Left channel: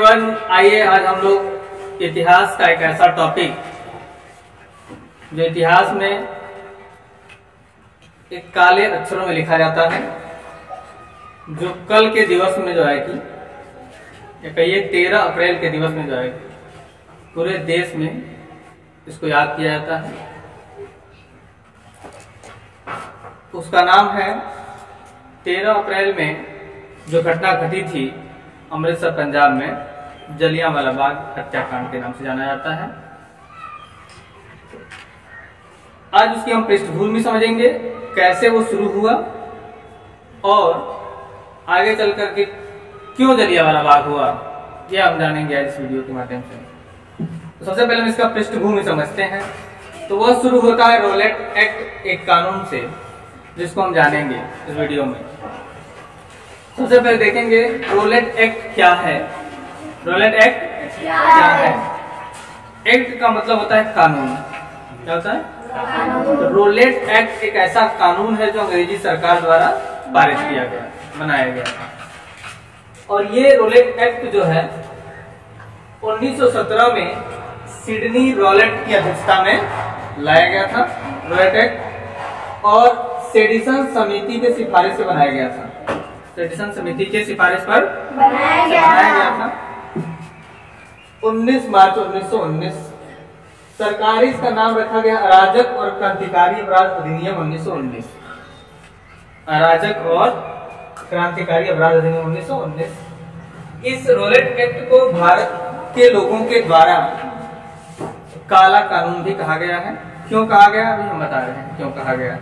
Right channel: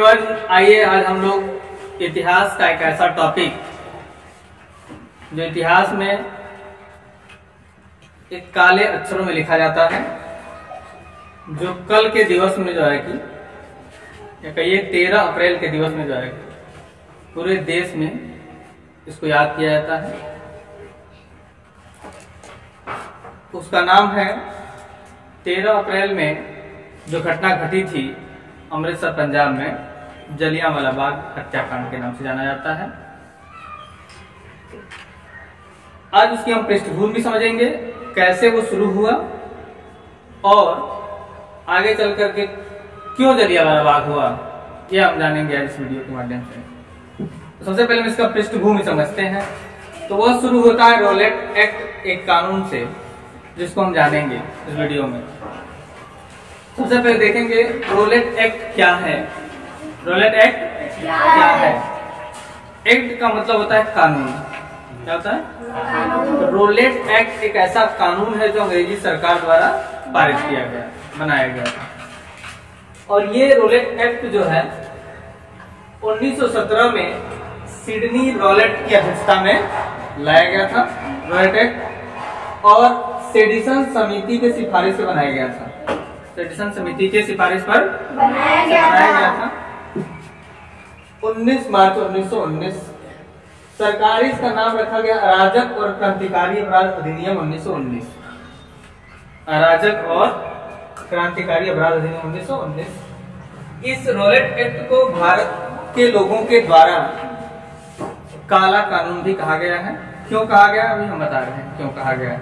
Everyone, आइए आज हम लोग इतिहास का एक ऐसा टॉपिक जो इतिहास में एक काले अक्षरों में लिखा जाता है, जो कल के दिवस में जो है कि या कहिए 13 अप्रैल के दिवस में जो है पूरे देश में इसको याद किया जाता है। उसका नाम है 13 अप्रैल में जो घटना घटी थी अमृतसर पंजाब में, जलियांवाला बाग हत्याकांड के नाम से जाना जाता है। आज उसकी हम पृष्ठभूमि समझेंगे, कैसे वो शुरू हुआ और आगे चल करके क्यों जलियांवाला बाग हुआ, यह हम जानेंगे आज इस वीडियो के माध्यम से। तो सबसे पहले हम इसका पृष्ठभूमि समझते हैं। तो वह शुरू होता है रॉलेट एक्ट, एक कानून से, जिसको हम जानेंगे इस वीडियो में। सबसे पहले देखेंगे रॉलेट एक्ट क्या है। रॉलेट एक्ट क्या है? एक्ट का मतलब होता है कानून। क्या होता है? तो रॉलेट एक्ट एक ऐसा कानून है जो अंग्रेजी सरकार द्वारा पारित किया गया, बनाया गया। और ये रॉलेट एक्ट जो है 1917 में सिडनी रॉलेट की अध्यक्षता में लाया गया था। रॉलेट एक्ट और सेडिसन समिति के सिफारिश से बनाया गया था। सेडिसन समिति के सिफारिश पर बनाया गया था। 19 मार्च 1919 सरकारी इसका नाम रखा गया अराजक और क्रांतिकारी अपराध अधिनियम 1919। अराजक और क्रांतिकारी अपराध अधिनियम 1919। इस रॉलेट एक्ट को भारत के लोगों के द्वारा काला कानून भी कहा गया है। क्यों कहा गया, अभी हम बता रहे हैं क्यों कहा गया है।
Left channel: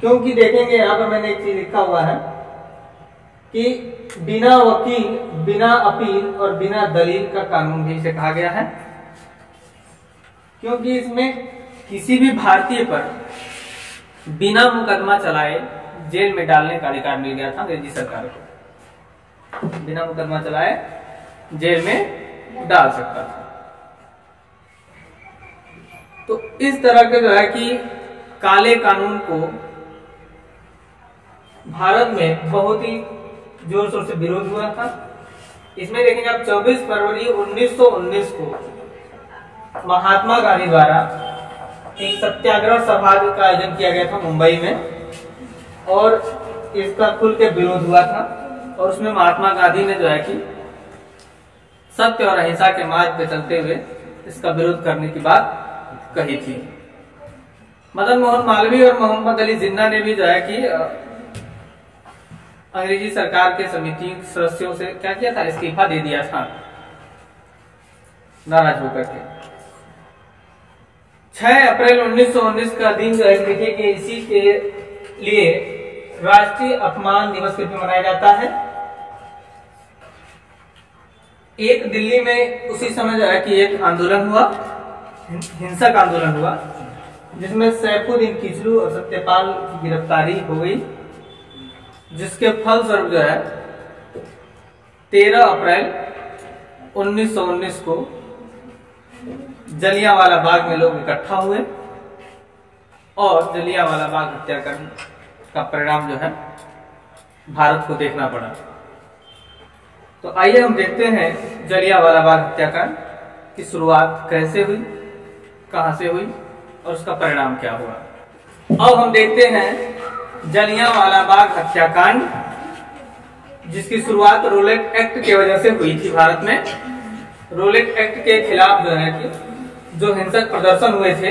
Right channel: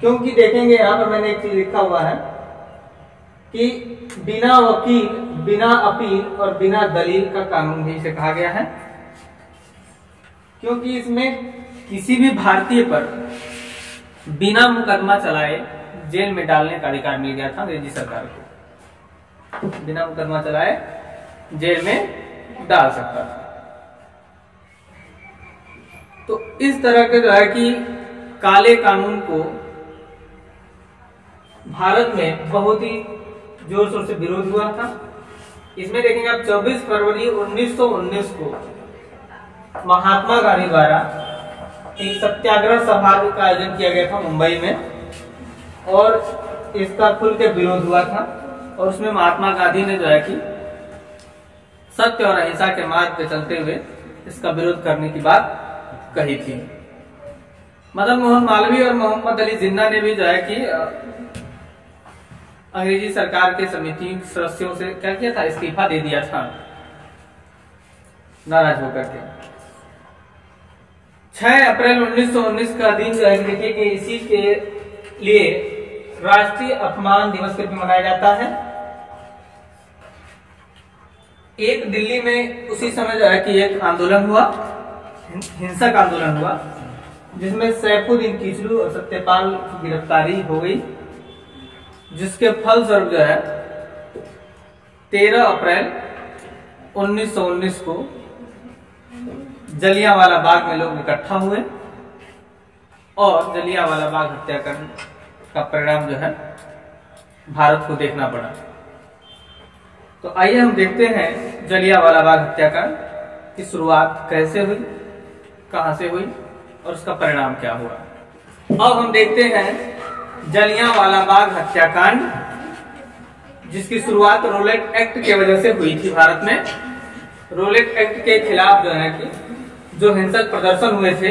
क्योंकि देखेंगे यहाँ पर मैंने एक चीज लिखा हुआ है कि बिना वकील, बिना अपील और बिना दलील का कानून भी इसे कहा गया है। क्योंकि इसमें किसी भी भारतीय पर बिना मुकदमा चलाए जेल में डालने का अधिकार मिल गया था अंग्रेजी सरकार को। बिना मुकदमा चलाए जेल में डाल सकता था। तो इस तरह के जो है कि काले कानून को भारत में बहुत ही जोर शोर से विरोध हुआ था। इसमें देखेंगे आप 24 फरवरी 1919 को महात्मा गांधी द्वारा एक सत्याग्रह सभा का आयोजन किया गया था मुंबई में, और इसका खुल के विरोध हुआ था। और उसमें महात्मा गांधी ने जो है कि सत्य और अहिंसा के मार्ग पे चलते हुए इसका विरोध करने की बात कही थी। मदन मोहन मालवीय और मोहम्मद अली जिन्ना ने भी जो है कि अंग्रेजी सरकार के समिति सदस्यों से क्या किया था, इस्तीफा दे दिया था नाराज होकर के। 6 अप्रैल 1919 का दिन जो है कि देखिए कि इसी के लिए राष्ट्रीय अपमान दिवस के रूप में मनाया जाता है। एक दिल्ली में उसी समय जो है कि एक आंदोलन हुआ, हिंसक आंदोलन हुआ, जिसमें सैफुद्दीन किचलू और सत्यपाल की गिरफ्तारी हो गई, जिसके फलस्वरूप जो है 13 अप्रैल 1919 को जलियांवाला बाग में लोग इकट्ठा हुए और जलियांवाला बाग हत्याकांड का परिणाम जो है भारत को देखना पड़ा। तो आइए हम देखते हैं जलियांवाला बाग हत्याकांड की शुरुआत कैसे हुई, कहां से हुई और उसका परिणाम क्या हुआ। अब हम देखते हैं जलियांवाला बाग हत्याकांड, जिसकी शुरुआत रॉलेट एक्ट की वजह से हुई थी भारत में। रॉलेट एक्ट के खिलाफ जो है कि जो हिंसक प्रदर्शन हुए थे,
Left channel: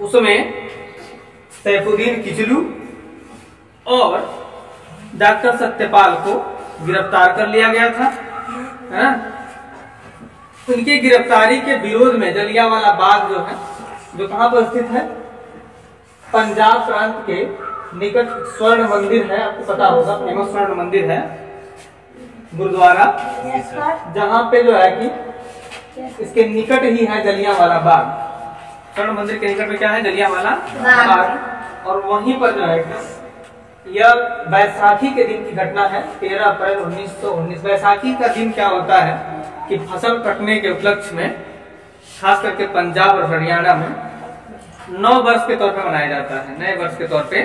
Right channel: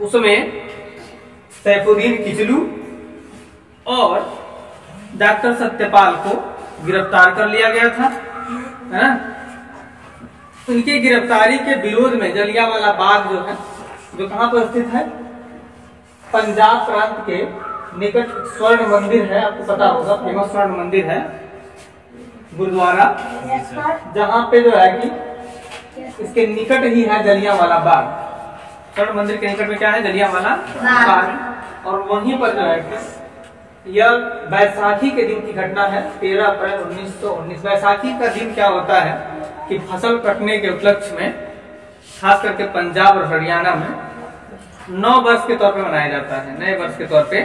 उसमें सैफुद्दीन किचलू और डॉक्टर सत्यपाल को गिरफ्तार कर लिया गया था, है ना। उनकी गिरफ्तारी के विरोध में जलियांवाला बाग जो है, जो कहां पर स्थित है, पंजाब प्रांत के निकट स्वर्ण मंदिर है, आपको पता होगा, फेमस स्वर्ण मंदिर है, गुरुद्वारा, जहां पे जो है कि इसके निकट ही है जलियांवाला बाग। स्वर्ण मंदिर के निकट में क्या है, जलियांवाला बाग। और वहीं पर जो है कि यह बैसाखी के दिन की घटना है, 13 अप्रैल 1919। बैसाखी का दिन क्या होता है कि फसल कटने के उपलक्ष्य में खास करके पंजाब और हरियाणा में 9 वर्ष के तौर पे मनाया जाता है। नए वर्ष के तौर पे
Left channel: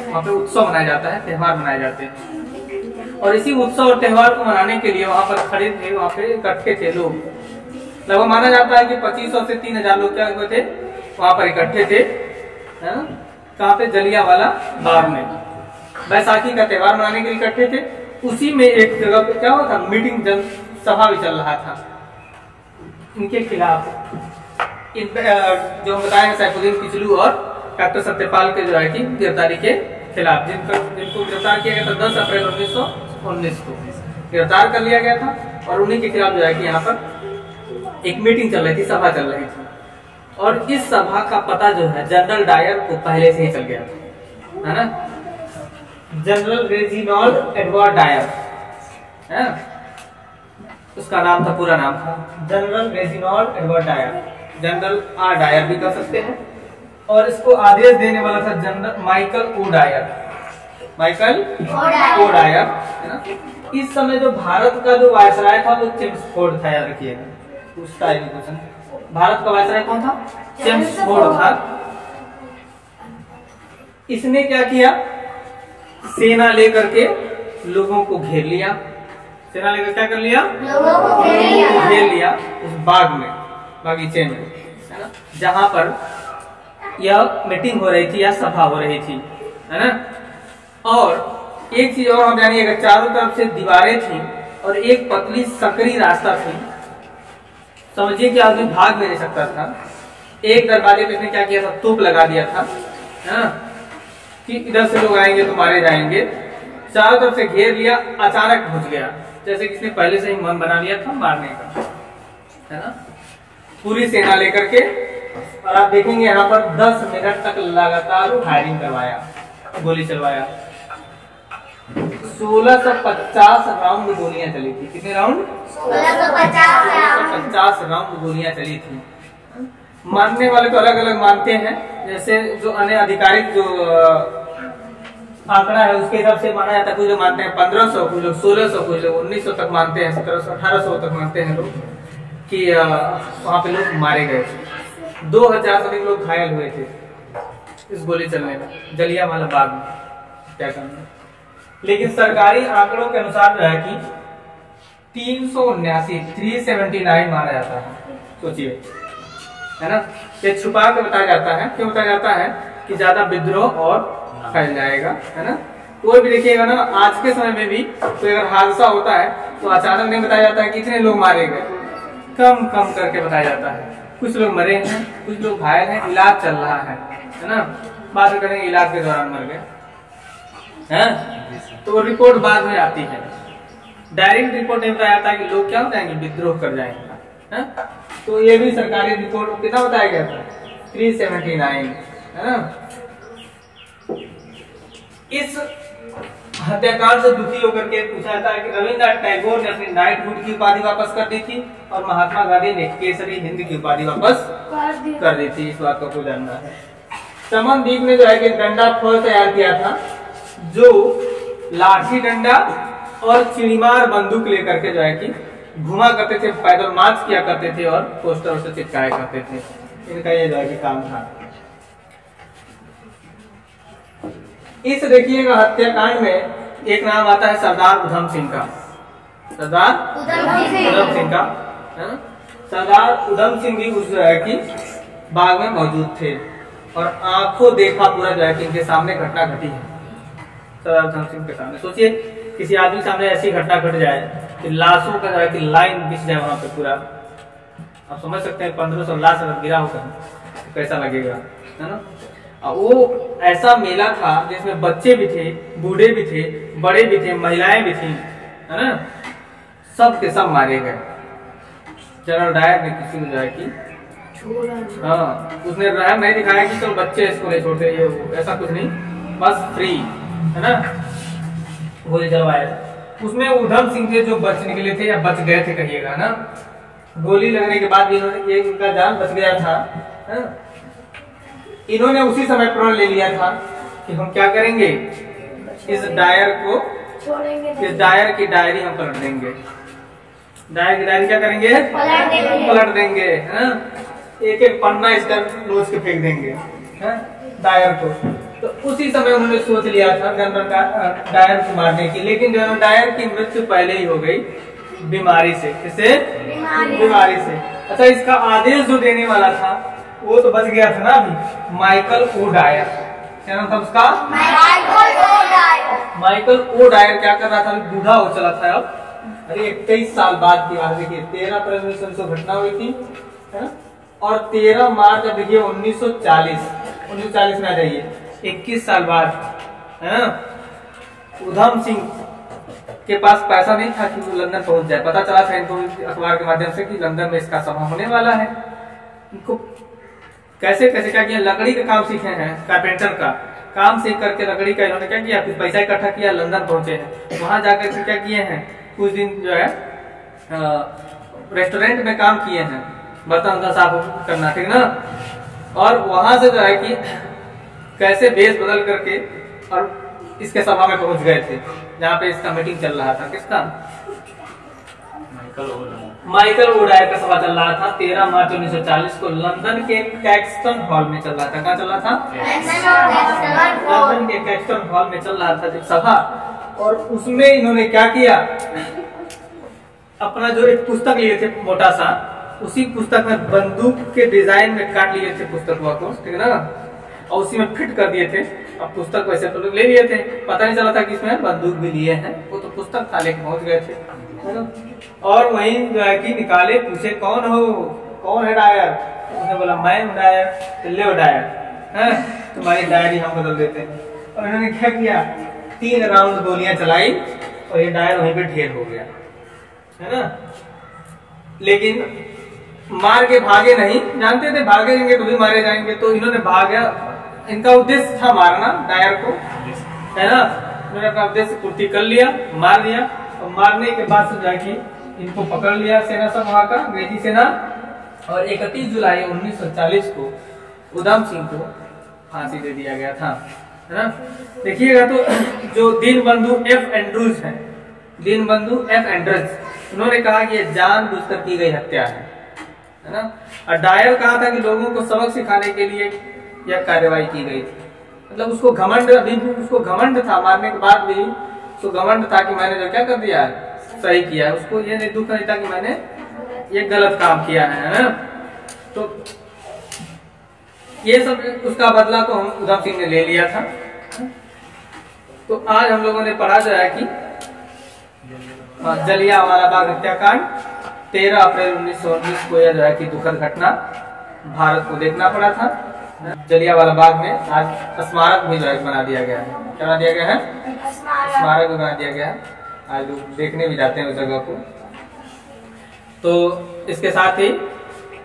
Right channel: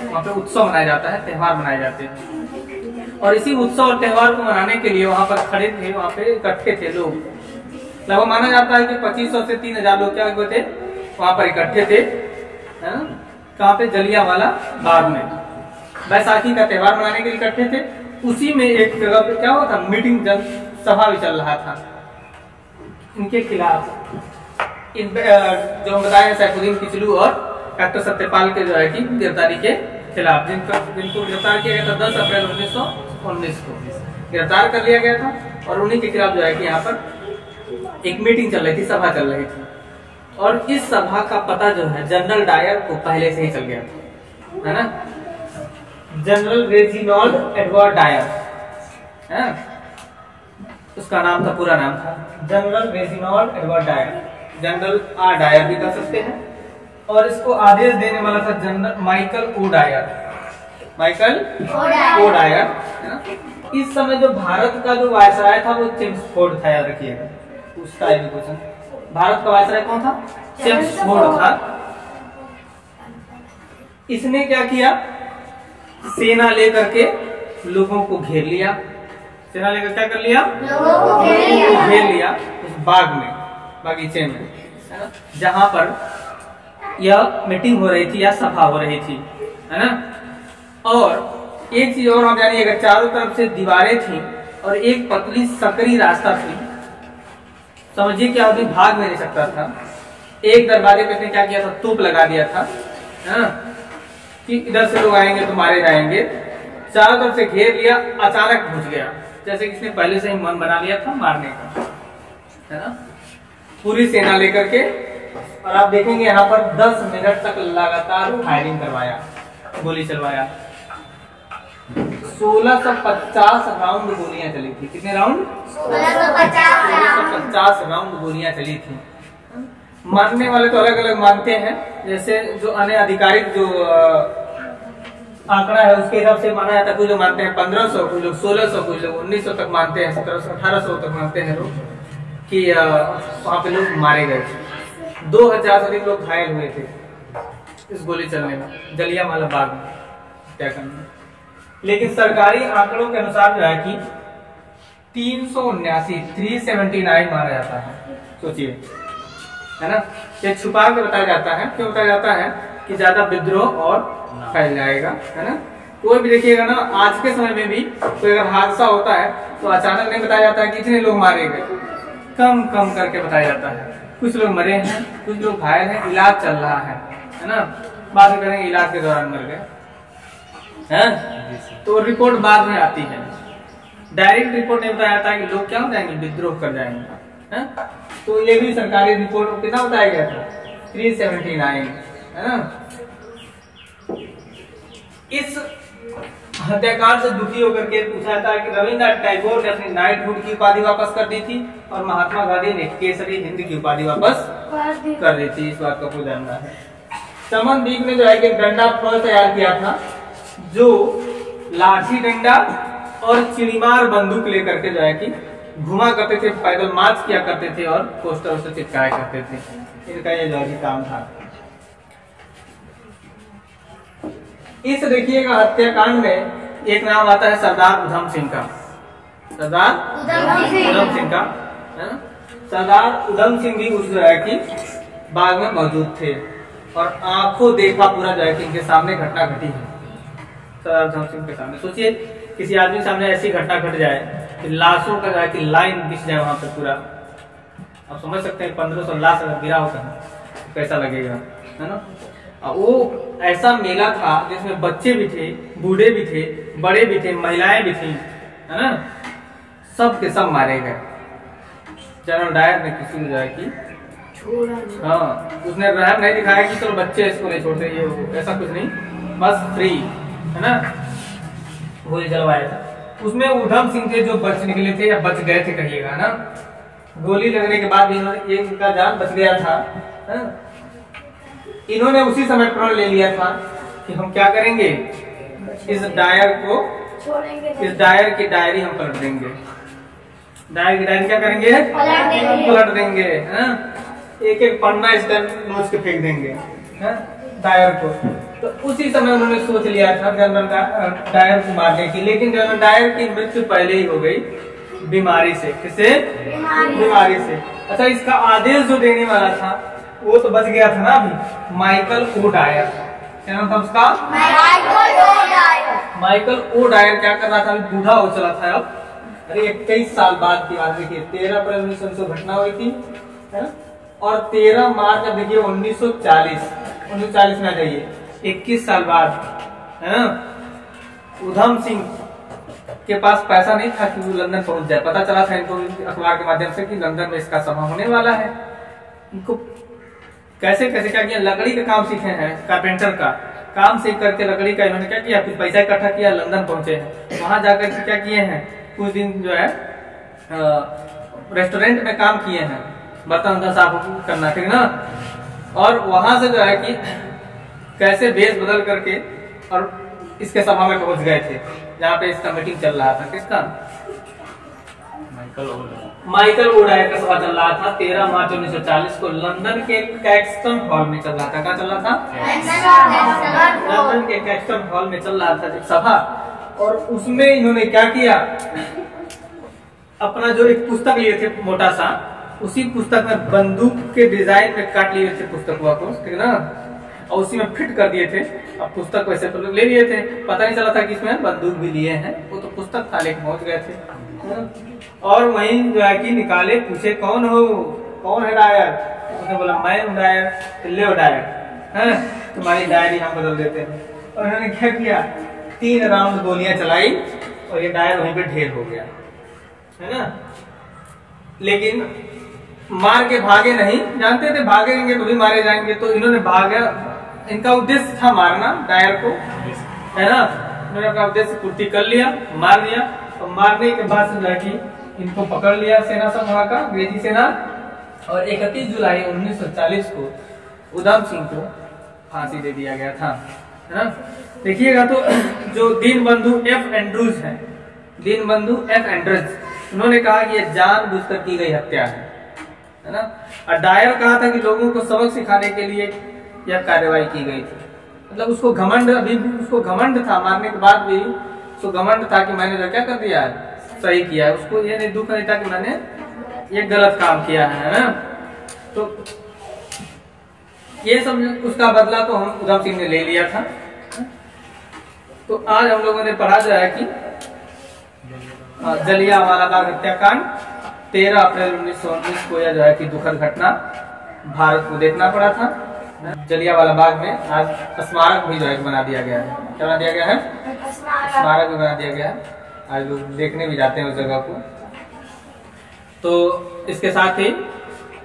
वहाँ पे उत्सव मनाया जाता है, त्योहार मनाए जाते हैं। और इसी उत्सव और त्योहार को मनाने के लिए वहां पर खड़े थे, वहां पे इकट्ठे थे लोग। लगभग माना जाता है कि 2500 से 3000 लोग क्या हुए थे, वहां पर इकट्ठे थे, है ना, कहाँ पे, जलियांवाला बाग में। बैसाखी का त्योहार मनाने के लिए इकट्ठे थे। उसी में एक जगह पे क्या हुआ था, मीटिंग, जन सभा भी चल रहा था इनके खिलाफ। जो हम बताए हैं सैफुद्दीन किचलू और डॉक्टर सत्यपाल के जो है कि गिरफ्तारी के खिलाफ, जिनको गिरफ्तार किया गया था 10 अप्रैल 1919 को गिरफ्तार कर लिया गया था। और उन्हीं के खिलाफ जो है कि यहाँ पर एक मीटिंग चल रही थी, सभा चल रही थी। और इस सभा का पता जो है जनरल डायर को पहले से ही चल गया था, है ना, जनरल रेजिनॉल्ड एडवर्ड डायर, है, उसका नाम था, पूरा नाम था General Reginald Edward Dyer, General R Dyer भी कर सकते हैं। और इसको आदेश देने वाला था General Michael O'Dwyer, Michael O'Dwyer, है ना। इस समय जो भारत का जो वायसराय था वो चेम्सफोर्ड था, याद रखिएगा, पूछता है क्वेश्चन। भारत का वायसराय कौन था, चेम्सफोर्ड था। इसने क्या किया, सेना लेकर के लोगों को घेर लिया, सेना लेकर क्या कर लिया, लोगों को घेर लिया उस बाग में, बागीचे में, है ना, जहां पर यह मीटिंग हो रही थी या सभा हो रही थी, है ना। और एक चीज और हम जानिएगा, चारों तरफ से दीवारें थी और एक पतली सकरी रास्ता थी। समझिए कि आदमी भाग भी नहीं सकता था। एक दरवाजे पे इसने क्या किया था, तोप लगा दिया था, है ना, कि इधर से लोग आएंगे तो मारे जाएंगे। चारों तरफ से घेर लिया, अचानक घुस गया, जैसे कि इसने पहले से ही मन बना लिया था मारने का, है ना, पूरी सेना लेकर के। और आप देखेंगे यहाँ पर 10 मिनट तक लगातार फायरिंग करवाया, गोली चलवाया। 1650 राउंड गोलियां चली थी। कितने राउंड, 1650 राउंड गोलियां चली थी। मानने वाले तो अलग अलग मानते हैं, जैसे जो अन्य आधिकारिक जो आंकड़ा है उसके हिसाब से माना जाता है। कुछ लोग मानते हैं 1500, कुछ लोग 1600, कुछ लोग 1900 तक मानते हैं, 1700 1800 तक मानते हैं लोग कि वहां पे लोग मारे गए थे। 2000 से अधिक लोग घायल हुए थे इस गोली चलने में, जलियांवाला बाग में क्या करना। लेकिन सरकारी आंकड़ों के अनुसार जो है कि 379 माना जाता है। सोचिए, है ना, ये छुपा के बताया जाता है। क्यों बताया जाता है कि ज्यादा विद्रोह और फैल जाएगा, है ना। कोई भी देखिएगा ना, आज के समय में भी कोई अगर हादसा होता है तो अचानक नहीं बताया जाता है कि इतने लोग मारे गए, कम कम करके बताया जाता है। कुछ लोग मरे हैं, कुछ लोग घायल हैं, इलाज चल रहा है ना, बात करेंगे इलाज के दौरान मर गए, हैं, तो रिपोर्ट बाद में आती है। डायरेक्ट रिपोर्ट नहीं बताया जाता कि लोग क्या हो जाएंगे, विद्रोह कर जाएंगे, हैं? तो ये भी सरकारी रिपोर्ट में कितना बताया गया था, 379, है ना। इस हत्याकांड से दुखी होकर के पूछा जाता है कि रविन्द्रनाथ टैगोर ने अपनी नाइटहुड की उपाधि वापस कर दी थी और महात्मा गांधी ने केसरी हिंद की उपाधि वापस कर दी थी। इस बात का आपको जानना है। चमनदीप ने जो है कि डंडा फौज तैयार किया था, जो लाठी डंडा और चिड़ीमार बंदूक लेकर के जो है कि घुमा करते थे, पैदल मार्च किया करते थे और पोस्टर से चिपकाया करते थे। इनका ये जो है कि काम था। इस देखिएगा हत्याकांड में एक नाम आता है सरदार उधम सिंह का, सरदार उधम सिंह का, है ना। सरदार उधम सिंह भी उस जो है कि बाग में मौजूद थे और आंखों देखा पूरा जो है कि इनके सामने घटना घटी है। सरदार उधम सिंह के सामने सोचिए, किसी आदमी के सामने ऐसी घटना घट जाए कि लाशों का जो है कि लाइन बिछ जाए वहां पे पूरा, आप समझ सकते हैं 1500 लाश अगर गिरा होता है तो कैसा लगेगा, है ना। वो ऐसा मेला था जिसमें बच्चे भी थे, बूढ़े भी थे, बड़े भी थे, महिलाएं भी थी, है ना। सब के सब मारे गए। जनरल डायर ने किसी को जो है कि हाँ, उसने रहम नहीं दिखाया कि चलो बच्चे इसको नहीं छोड़ते, ये ऐसा कुछ नहीं, बस फ्री, है ना, गोली चलवाया। उसमें उधम सिंह थे जो बच निकले थे या बच गए थे कहिएगा ना। गोली लगने के बाद भी ये उनका जान बच गया था, है? इन्होंने उसी समय प्रण ले लिया था कि हम क्या करेंगे, इस डायर को छोड़ेंगे, इस डायर की डायरी हम पलट देंगे। डायर की डायरी क्या करेंगे, पलट देंगे, है? एक एक पन्ना इसका नोच के फेंक देंगे, है? डायर को। तो उसी समय उन्होंने सोच लिया था जनरल डायर को मारने की, लेकिन जनरल डायर की मृत्यु पहले ही हो गई बीमारी से। किससे? बीमारी से। अच्छा, इसका आदेश जो देने वाला था वो तो बच गया था ना अभी, माइकल ओ डायर। क्या नाम था उसका? माइकल ओ डायर क्या कर रहा था? अभी बूढ़ा हो चला था अब। अरे 21 साल बाद की बात, देखिए 13 अप्रैल 1900 घटना हुई थी, है ना? और 13 मार्च अब देखिए 1940 में आ जाइए, 21 साल बाद, है ना? उधम सिंह के पास पैसा नहीं था कि वो लंदन पहुंच जाए। पता चला था इनको अखबार के माध्यम से कि लंदन में इसका सभा होने वाला है। इनको कैसे कैसे क्या किया, लकड़ी का काम सीखे हैं, कारपेंटर का काम सीख करके लकड़ी का इन्होंने क्या किया, कुछ पैसा इकट्ठा किया, लंदन पहुंचे हैं। वहां जाकर के क्या किए हैं, कुछ दिन जो है रेस्टोरेंट में काम किए हैं, बर्तन साफ करना, ठीक ना? और वहां से जो है कि कैसे वेश बदल करके और इसके सभा में पहुंच गए थे, जहाँ पे इसका मीटिंग चल रहा था। किसका? माइकल ओ डायर का सभा चल रहा था 13 मार्च 1940 को लंदन के कैक्सटन हॉल में चल रहा था। कहाँ चल रहा था? लंदन के कैक्सटन हॉल में चल रहा था सभा। और उसमें इन्होंने क्या किया, अपना जो एक पुस्तक लिए थे मोटा सा, उसी पुस्तक में बंदूक के डिजाइन में काट लिए थे पुस्तक को, ठीक ना? और उसी में फिट कर दिए थे। अब पुस्तक वैसे तो ले लिए थे, पता नहीं चला था कि इसमें बंदूक भी लिए हैं, वो तो पुस्तक था, लेके पहुंच गए थे, है ना? और वहीं जो है कि निकाले, पूछे कौन हो, कौन है डायर? उसने बोला मैं हूँ डायर। तो ले डायर, है तुम्हारी डायरी हम बदल देते हैं। और उन्होंने क्या किया, 3 राउंड गोलियां चलाई और ये डायर वहीं पे ढेर हो गया, है ना? लेकिन मार के भागे नहीं, जानते थे भागेंगे तो भी मारे जाएंगे, तो इन्होंने भागा। इनका उद्देश्य था मारना डायर को, है ना? इन्होंने अपना उद्देश्य पूर्ति कर लिया, मार दिया। और मारने के बाद से जाके इनको पकड़ लिया सेना सब वहां का, अंग्रेजी सेना। और 31 जुलाई 1940 को उधम सिंह को फांसी दे दिया गया था, है ना? देखिएगा तो जो दीनबंधु एफ एंड्रूज है, दीनबंधु एफ एंड्रूज, उन्होंने कहा कि यह जानबूझकर की गई हत्या है ना? और डायर कहा था कि लोगों को सबक सिखाने के लिए यह कार्रवाई की गई थी। मतलब उसको घमंड, अभी भी उसको घमंड था, मारने के बाद भी उसको घमंड था कि मैंने जो क्या कर दिया है, सही किया है। उसको ये नहीं, दुख नहीं था कि मैंने ये गलत काम किया है ना? तो ये सब उसका बदला तो हम उधम सिंह ने ले लिया था। तो आज हम लोगों ने पढ़ा जो है कि जलियांवाला बाग हत्याकांड 13 अप्रैल 1919 को यह जो है कि दुखद घटना भारत को देखना पड़ा था। जलियांवाला बाग में आज स्मारक भी जो है बना दिया गया है। क्या बना दिया गया है? स्मारक भी बना दिया गया है। आज लोग देखने भी जाते हैं उस जगह को। तो इसके साथ ही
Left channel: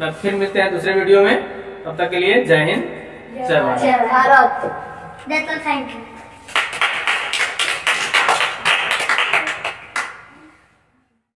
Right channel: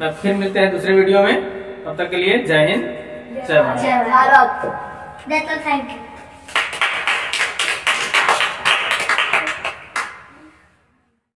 मैं फिर मिलते हैं दूसरे वीडियो में। तब तक के लिए जय हिंद, जय भारत। Thank you.